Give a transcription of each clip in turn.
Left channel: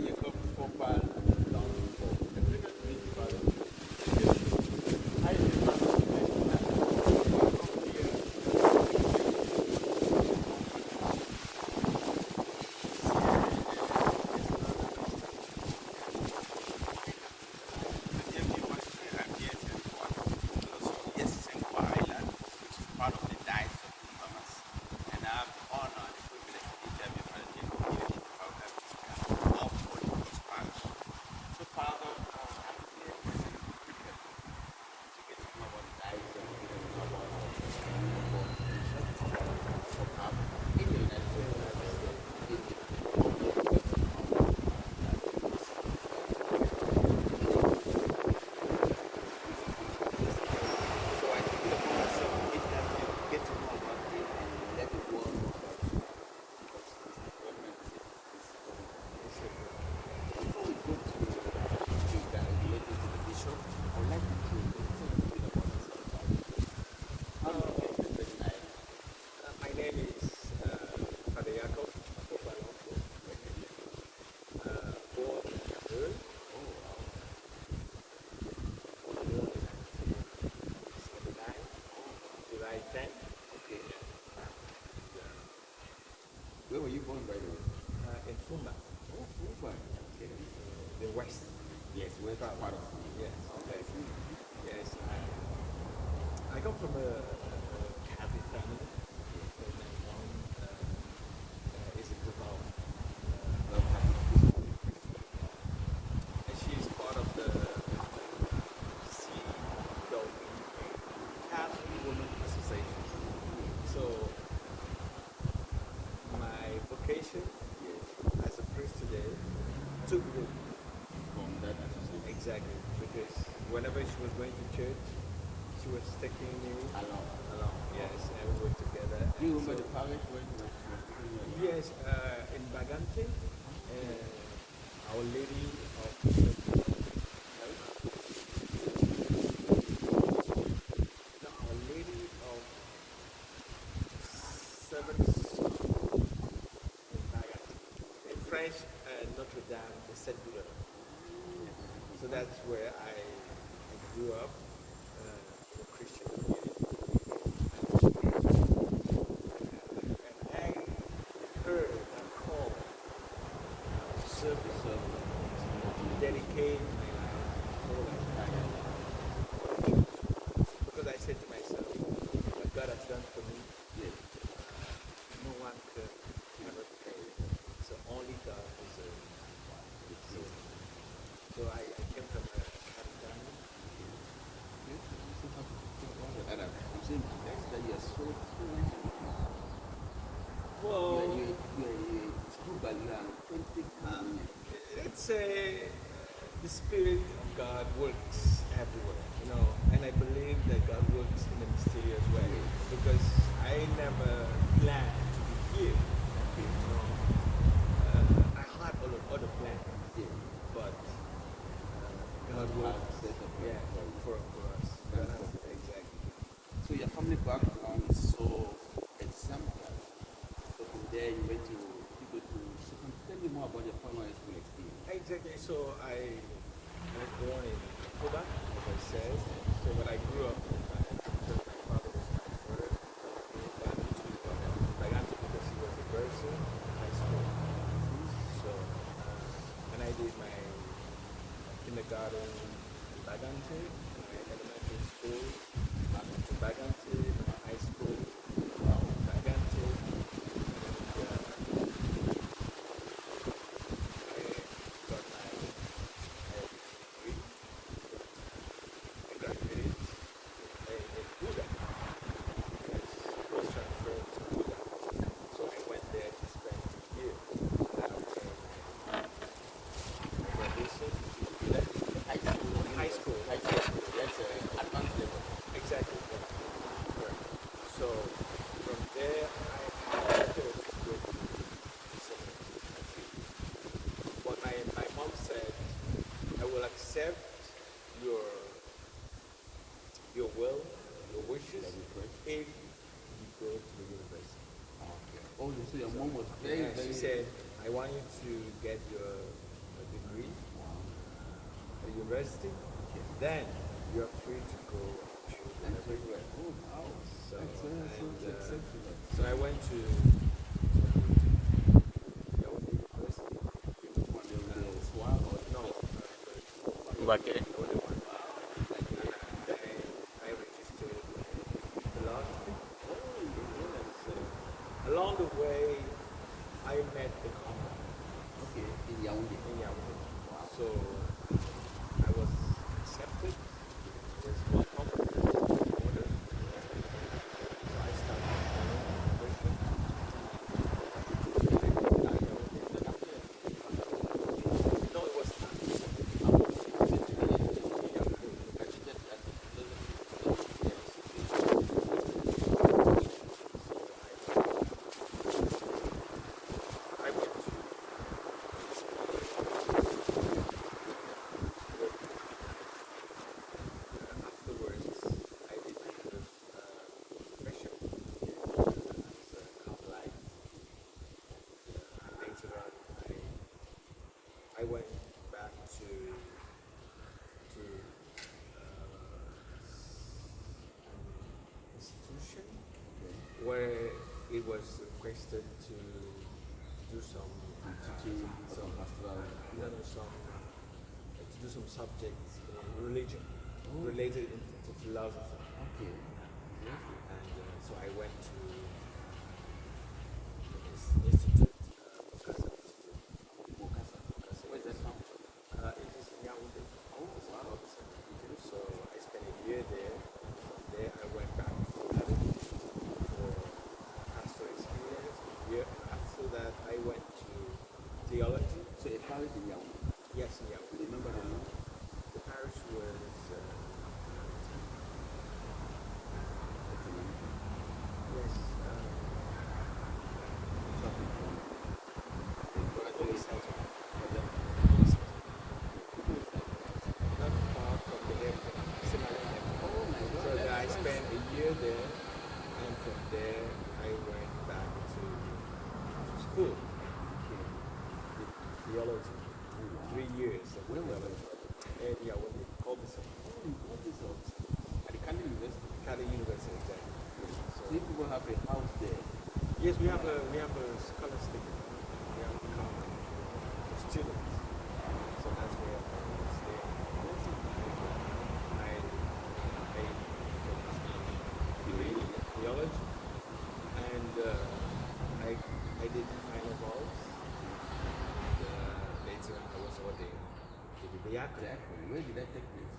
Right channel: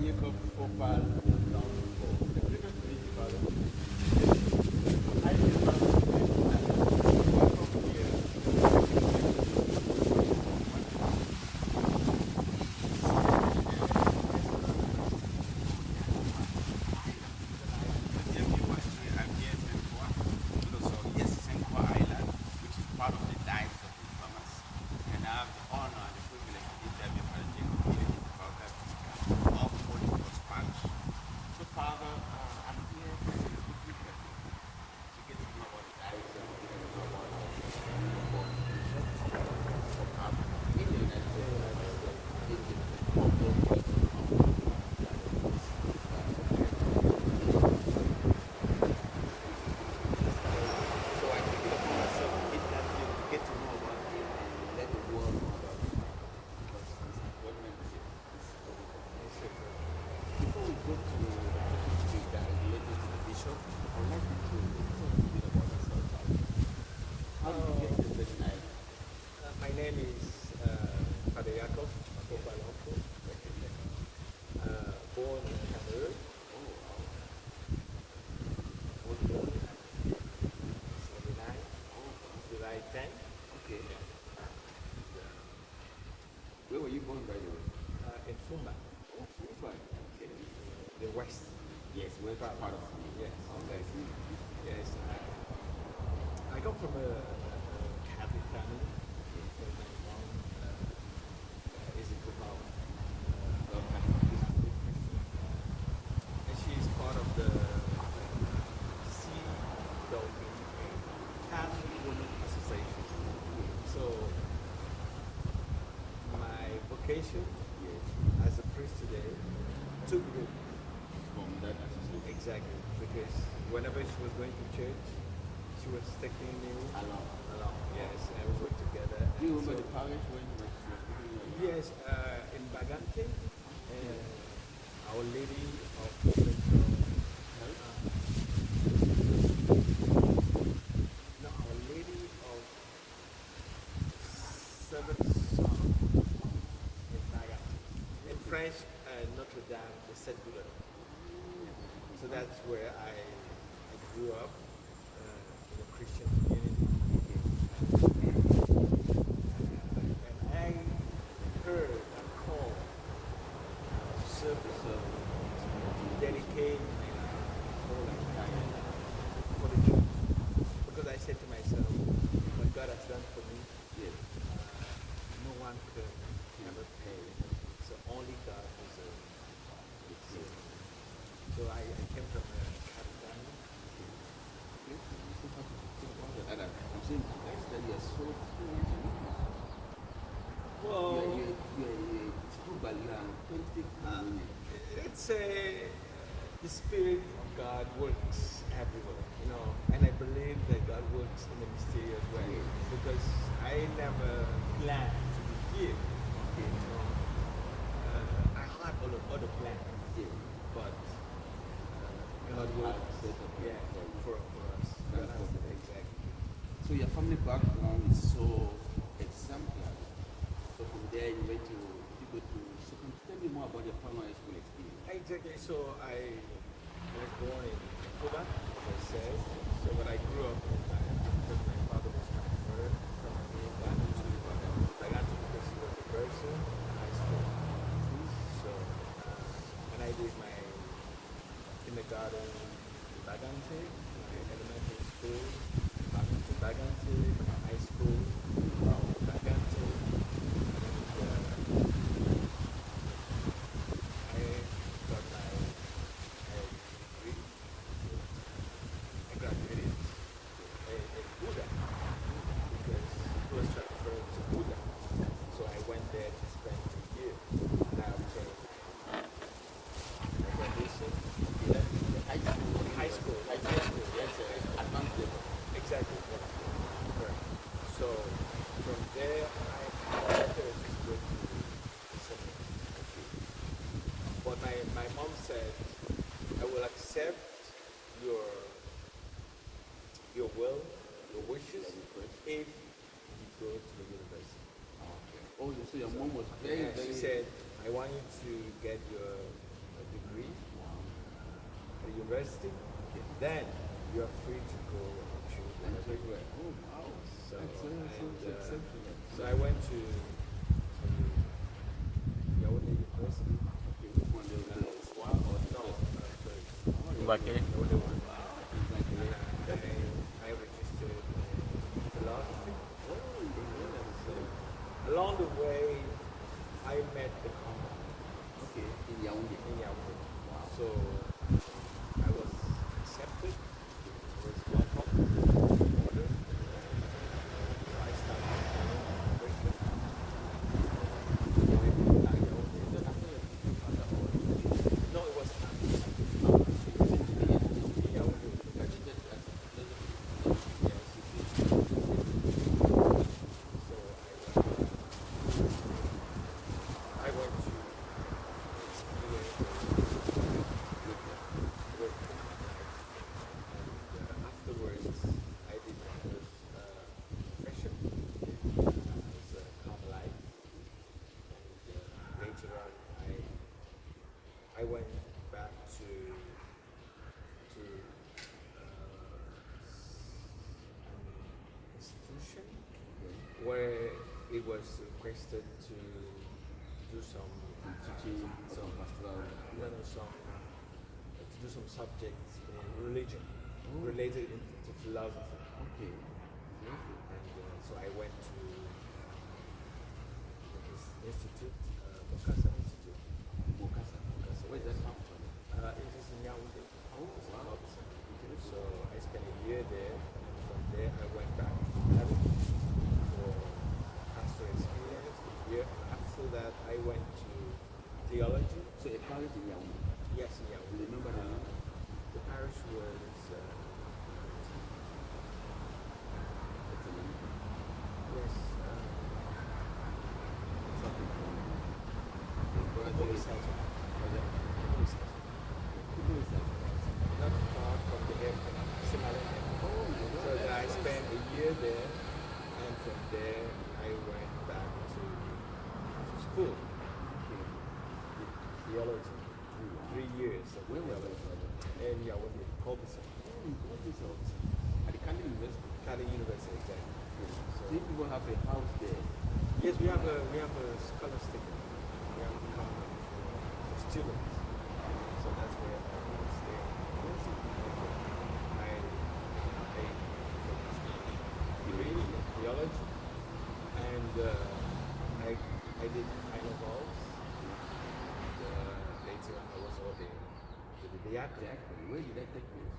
Jacob Fopa, Lonfo. The previous meeting, Father. I did not Where were you born, by the way? In Fopa. Oh, Fopa. Okay. The west. Yes, west part of Fopa. Yes. Okay. Yes. I come from a Catholic family. And my mom is a devout Catholic Christian. And she is part of the Catholic Women Association. So my vocation as a priest today took root from that association. Exactly, because whenever she was going to church, she was taking me along. Yes, and we were together. Do you remember the parish when she was taking you along? Yes, in Bagante, Our Lady of Health. No, Our Lady of Seven. In French, Notre Dame de Saint-Douleur. So that's where I grew up in a Christian community. And I heard a call to service to dedicate my life, whole life, for the King. Because I said to myself, what God has done for me, no one could ever pay. So only God deserves it. So I came from a Catholic family. I'm saying that you are so fluent. Well, you are a true, but you are an authentic Ghanaian. It's the Spirit of God works everywhere, and I believe that God works in a mysterious way because I never planned to be here. I had other plans, but God works for us. Exactly. So your family background is so exemplary. So from there you went to second. Tell me more about your primary school experience. Exactly. So I was born in Fopa, as I said. So when I grew up in Bagante, because my father was my mother, so I moved back to Bagante because he was a person in high school. So and I did my kindergarten in Bagante, my elementary school back in Bagante, my high school in Bagante, and I got my degree. I graduated in Buda because it was transferred to Buda. So I went there to spend 2 years. Now came my graduation. That's the high school. High school. Yes, advanced level. Exactly. Yeah. Correct. So from there, I started to go to the seminary. But my mom said, I will accept your will, your wishes, if you go to the university. Okay. Oh, so your mom was very, She said, I want you to get your degree Wow. at university, Okay. then you are free to go to And wherever you everywhere. Oh, wow. So, That's exceptional. so I went to Yaoundé University. Okay, which one? The SWA or the No, first? Bakere. Yaoundé one. Wow. Like, I registered in philosophy. oh, yeah. Along the way, I met the company Okay, in Yaoundé. in Yaoundé. Wow. So I was accepted with my company order. So I started university. No, it was not. I went to work and afterwards I did my first profession as a Carmelite. And later on I went back to an institution where it was requested to do some Teaching or some pastoral. to do some subjects in religion related to philosophy. Okay. And so I went to this institute, Mokasa Institute. Mokasa. Where's that from? It is in Yaoundé. Oh, wow. So I spent a year there. And from there I went back to Paris for pastoral experience a year. And after that I went to theology. So a parish in Yaoundé. Yes, in Yaoundé. Remember the name? The parish was That's the name. yes. Something from the brother. Fopa is like Oh, yeah. People is like, not far from the airport. Simalene. oh my God. So that's I nice. spent a year there, and from there I went back to school, Okay. theology. Oh, wow. 3 years of Where was theology. that, brother? And yeah, when they called me Oh, in Kobe, at the Candy University. Cali University there. So you people have a house there. Yes, we have a scholastic. We have a company for students. So that's where I stay. I degree in theology, and I did my final vows. And later on, I was ordained to the diaconate. Exactly. Where did that take place?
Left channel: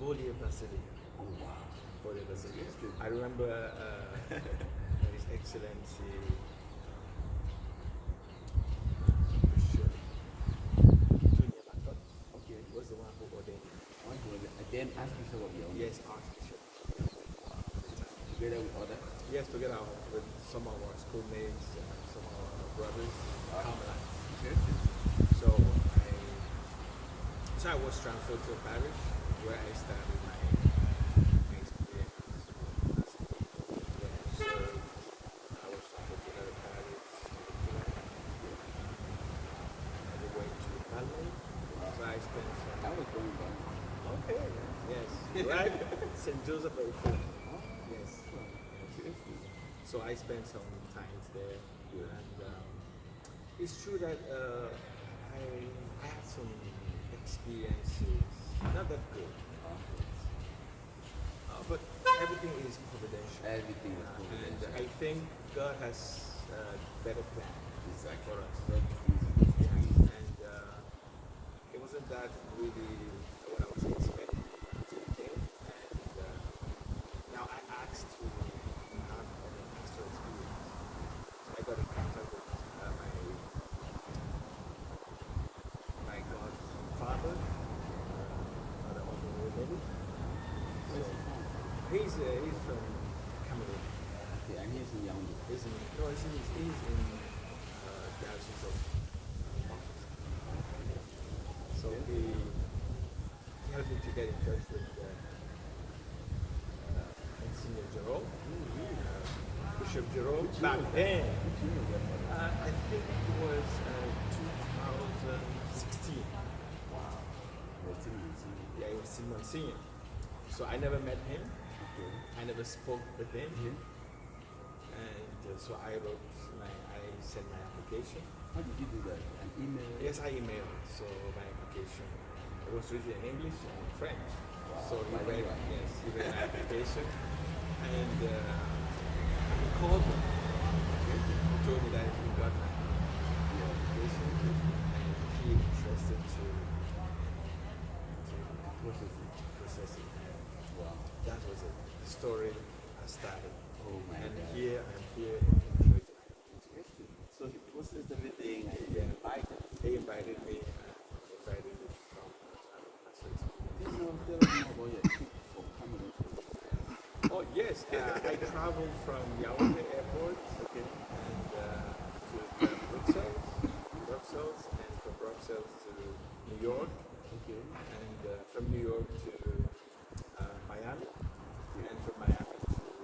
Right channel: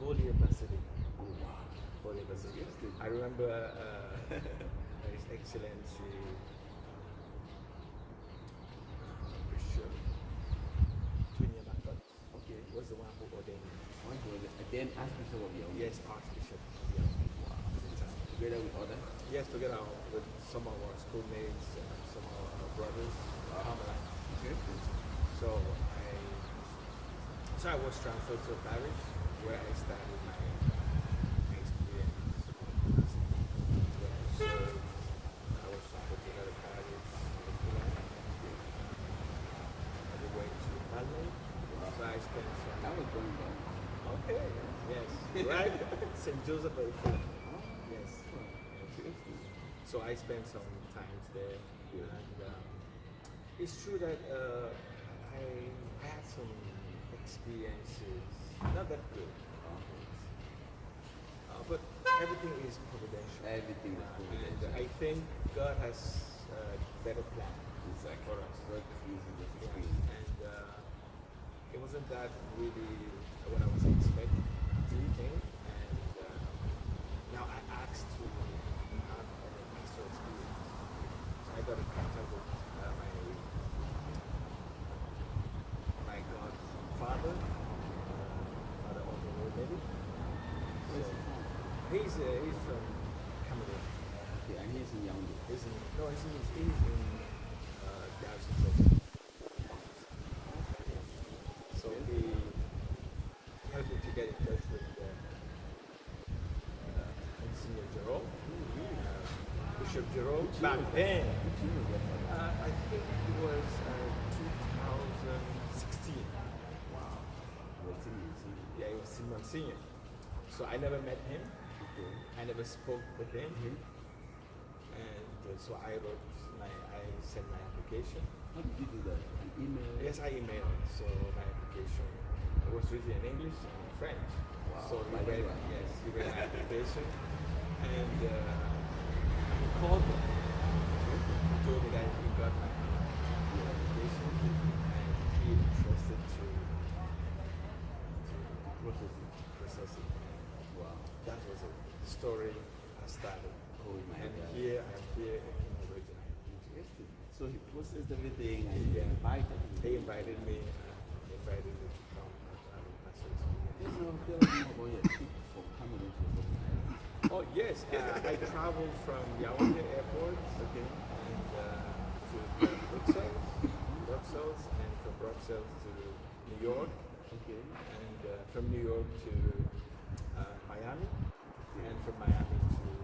Volier Basilica. Oh, wow. Volier Basilica. Yes, I remember His Excellency Bishop Tunya Batot Okay. was the one who ordained me. One was then Archbishop of Yaoundé. Yes, Archbishop. Wow. Together with others. Yes, together with some of our schoolmates, some of our brothers, Carmelites. Okay. So I was transferred to a parish where I started my experience. Where I served, I was transferred to another parish in the I went to Malmo. So I spent some. That was going on. Okay. Yes. Right. St. Joseph by Fulham. Yes. Okay. So I spent some time there, and it's true that I had some experiences, not that good, but everything is providential. Everything was And providential. I think God has better plans Exactly. for us. God uses the Yeah. screen. And it wasn't that really what I was expecting. And now I asked to have a pastoral experience. I got in contact with my godfather, Father Obi Maybe. Where's he from? He's from Cameroon. Okay, and he's in Yaoundé. He's in Diocese of So he helped me to get in touch with Monsignor Jerome, Bishop Jerome. Back then, Which year was that? I think it was 2016. Wow. Well, I think it's Yeah, he was Monsignor. So I never met him. okay. I never spoke with him. Mhm. And so I sent my application. How did you do that? An email? Yes, I emailed. So my application, it was written in English and in French. Wow, So he bilingual. read, yes, he read my application. And he called me. He told me that he got my application and he interested to Process it. process it. Wow. That was it. The story has started. Oh my And God. I'm here in the region. Interesting. So he processed everything and Yeah. he invited you. They invited me to come. Tell us more about your trip from Cameroon to Oh yes, I traveled from Yaoundé Airport, Okay. and to Brussels, and from Brussels to New York, Okay. and from New York to Miami, and from Miami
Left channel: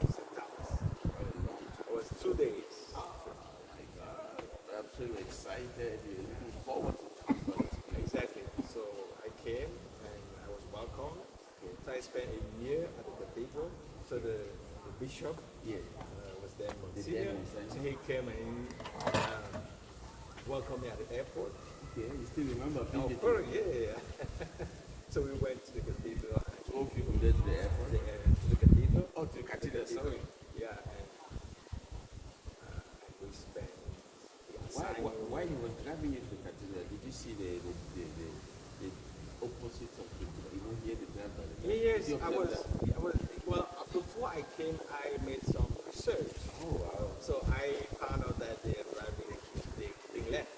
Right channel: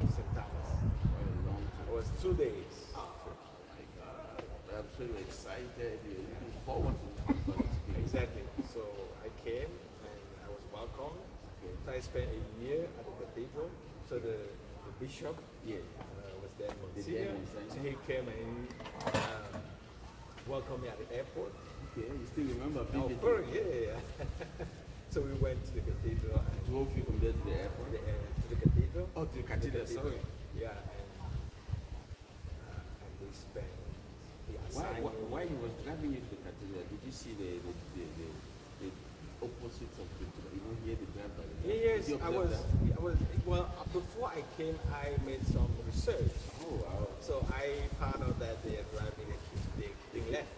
to St. Thomas. What a long trip. It was 2 days. Oh my God. I'm so excited. You're looking forward to this. Exactly. So I came and I was welcomed. Okay. So I spent a year at the cathedral. So the bishop Yeah. was there, The day Monsignor. Monsignor. So he came and he welcomed me at the airport. Okay. You still remember Of vividly? course, yeah. So we went to the cathedral and Drove you from there to the airport? to the cathedral. Oh, to the cathedral, sorry. Yeah, and we spent. We Why, assigned- while he was driving you to the cathedral, did you see the opposite of the, here the drive by the Yes, Did you observe that? well, before I came, I made some research. Oh, wow. So I found out that they are driving they left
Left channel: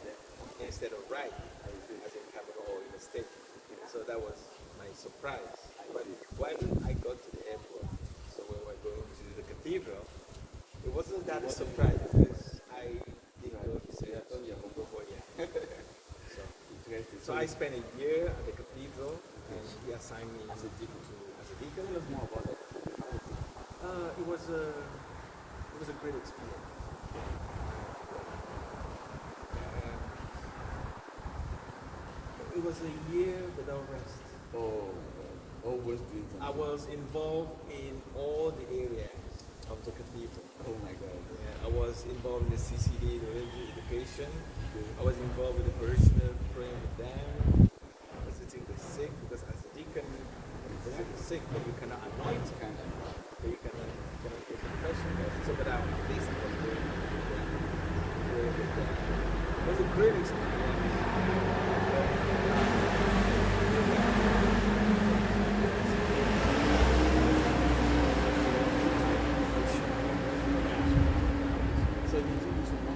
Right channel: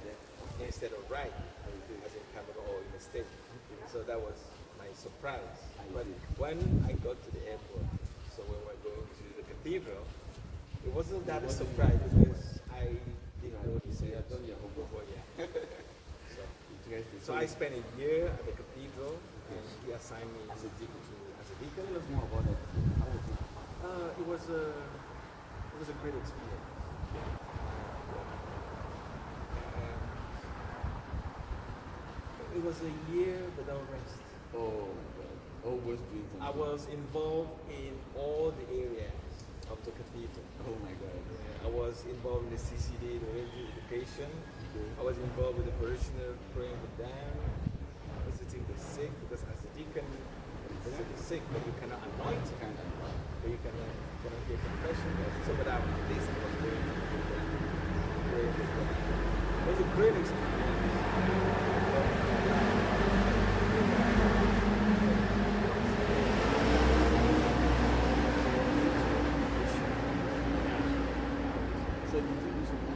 instead of right, as in Cameroon or in the States. So that was my surprise. But when I got to the airport, so when we were going to the cathedral, it wasn't that a surprise because I didn't know he said, Yeah, I told you I'm before, yeah. Interesting. So I spent a year at the cathedral, and he assigned me as a deacon. Tell us more about that. How was it? It was a great experience. It was a year without rest. Oh my God. Always doing something. I was involved in all the areas of the cathedral. Oh my God. Yeah, I was involved in the CCD, the religious education. I was involved with the parishioners, praying with them, visiting the sick, because as a deacon, you visit the sick, but you cannot anoint, Kind of. but you cannot take confession. So, but at least I was going to pray with them. It was a great experience. So did you do some more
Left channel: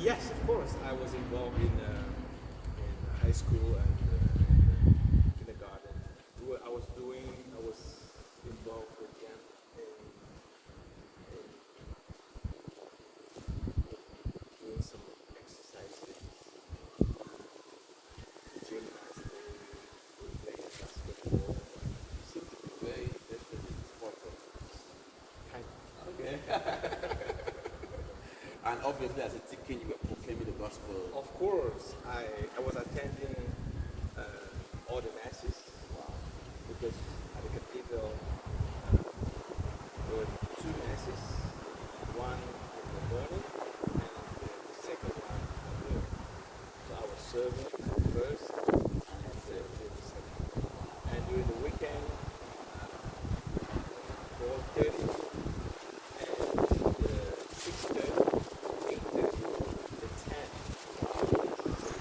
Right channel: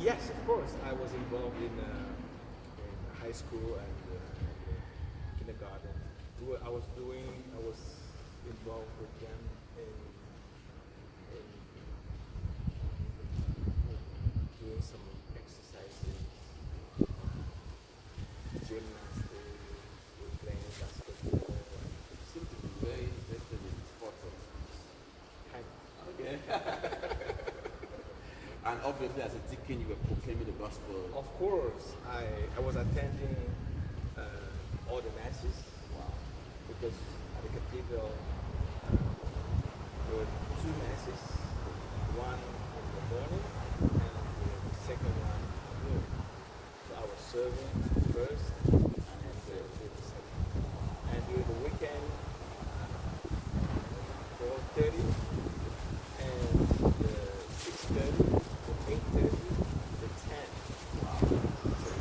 Yes, of course. I was involved in high school and kindergarten. I was involved with them in doing some exercises, gymnastics, playing basketball. seem to be very interested in sports. Kind of. Okay. And obviously, as a deacon, you were proclaiming the gospel. Of course, I was attending all the masses. Wow. Because at the cathedral there were 2 masses, one in the morning and the second one at noon. So I was serving first and then the second. And during the weekend, 12:30 and 6:30, 8:30, and 10. Wow. So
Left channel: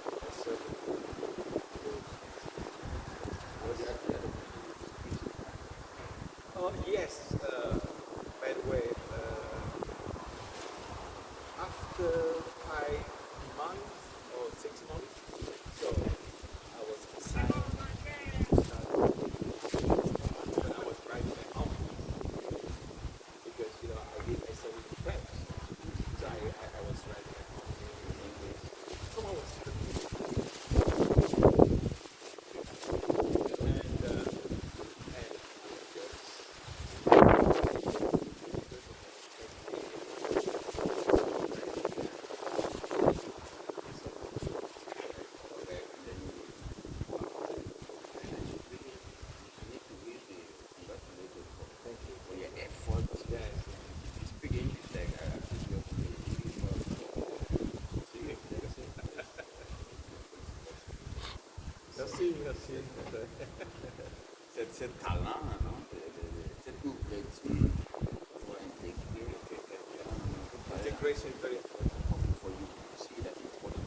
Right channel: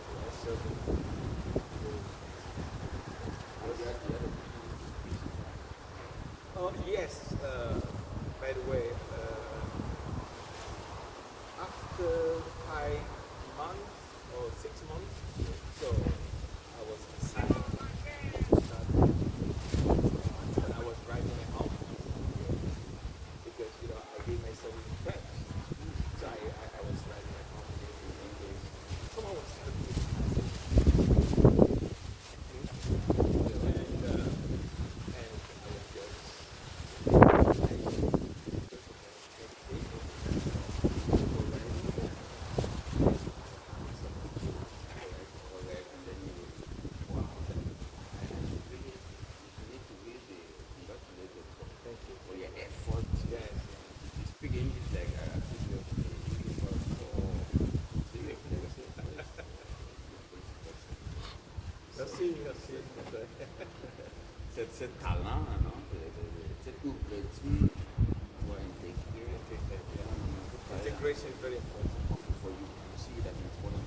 I was serving. Oh, yes. By the way, after 5 months or 6 months, Cette talent, non? Cette ouverture pour intégrer, Integration is very important. for you to see that important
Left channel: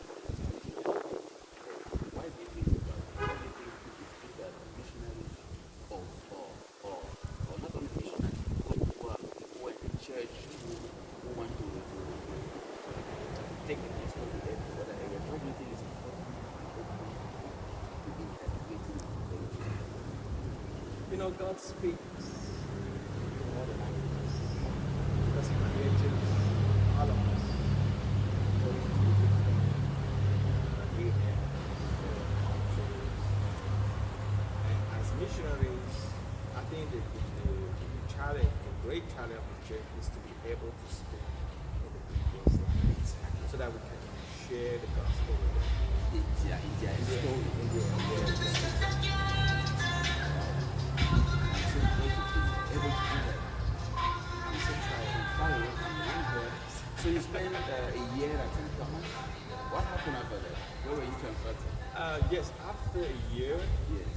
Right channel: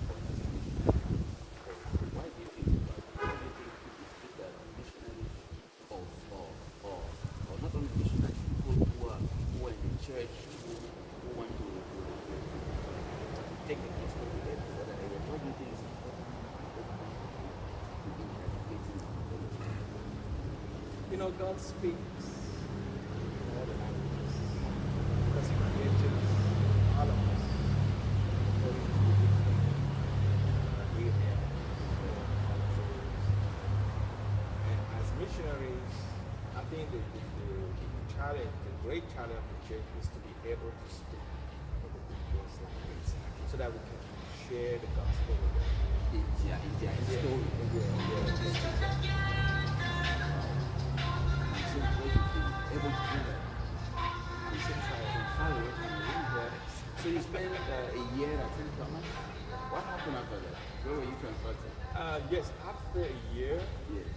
why do you think why do you think it that missionaries or not only missionaries, people who are in the church who want to take the gospel to other areas, why do you think it's important to be integrating? You know, God speaks in all the languages because He created all of us according to His will. And as missionaries, I think the challenge, the great challenge of the church is to be able to speak in the people's language so that we can share the gospel with them. India story. Able to do that. So you spent a year at St. Thomas. What happened after that? Where were you transferred to? Yes, after a year, Yes.